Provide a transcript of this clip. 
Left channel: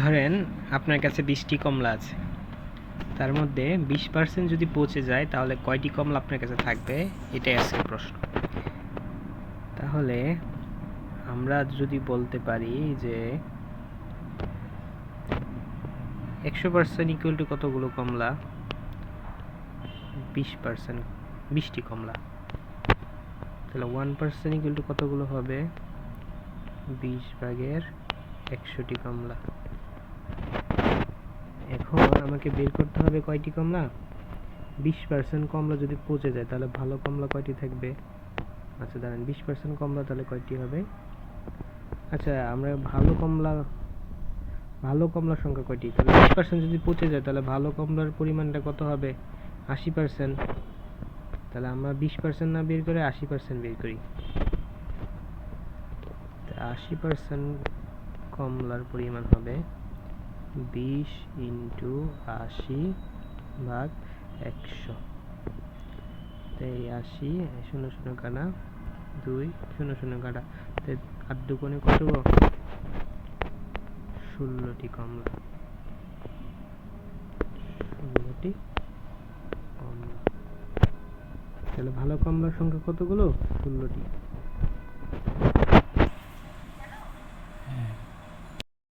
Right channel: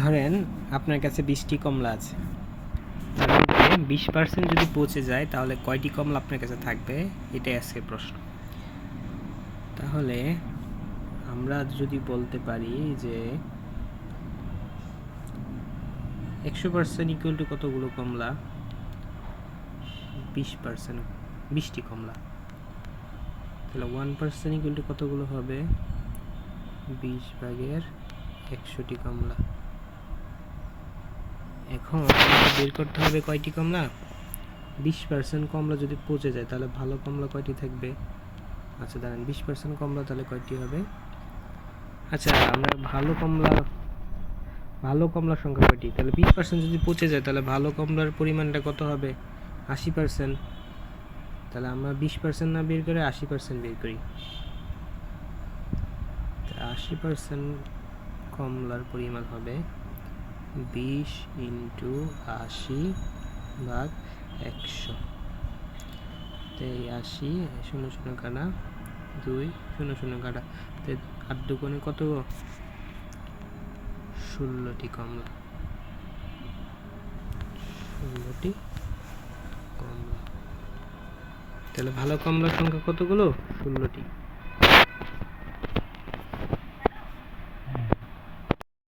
ধরেন আপনার কাছে 20টি কমলা আছে, তার মধ্যে 20% যদি পচে যায় তাহলে কয়টি কমলা আপনার কাছে থাকবে, এটাই আজকের প্রশ্ন। তাহলে আমরা যদি বলতে পারি যে 100% ইকুয়াল টু কতগুলো কমলা, 20%, 20টি কমলা, তাহলে 1% ইকুয়াল টু কতগুলো হবে, 20/100টি কমলা। এখন আমাকে বের করতে হবে কয়টি কমলা। 20% কমলা যদি পচে যায় তাহলে ভালো কমলা কয়টি থাকবে। আচ্ছা দাঁড়ান, 20% কমলা তাহলে কয়টি হবে। আচ্ছা আমরা ভালো কমলার সংখ্যা কয়টি, তাহলে 20% যদি পচে যায় তাহলে ভালো কমলার পরিমাণটা কত হবে, 80%। তাহলে আমরা 20% না বের করে 80% বের করি। 80% কমলার পরিমাণ হবে 20 × 80/100। তাই 80, 0 0 কাটা, 2 0 0 কাটা, 8 দুগুণে কত, 16টি কমলা। 16টি কমলা, তাহলে ভালো কমলার সংখ্যা কতগুলো, 16টি।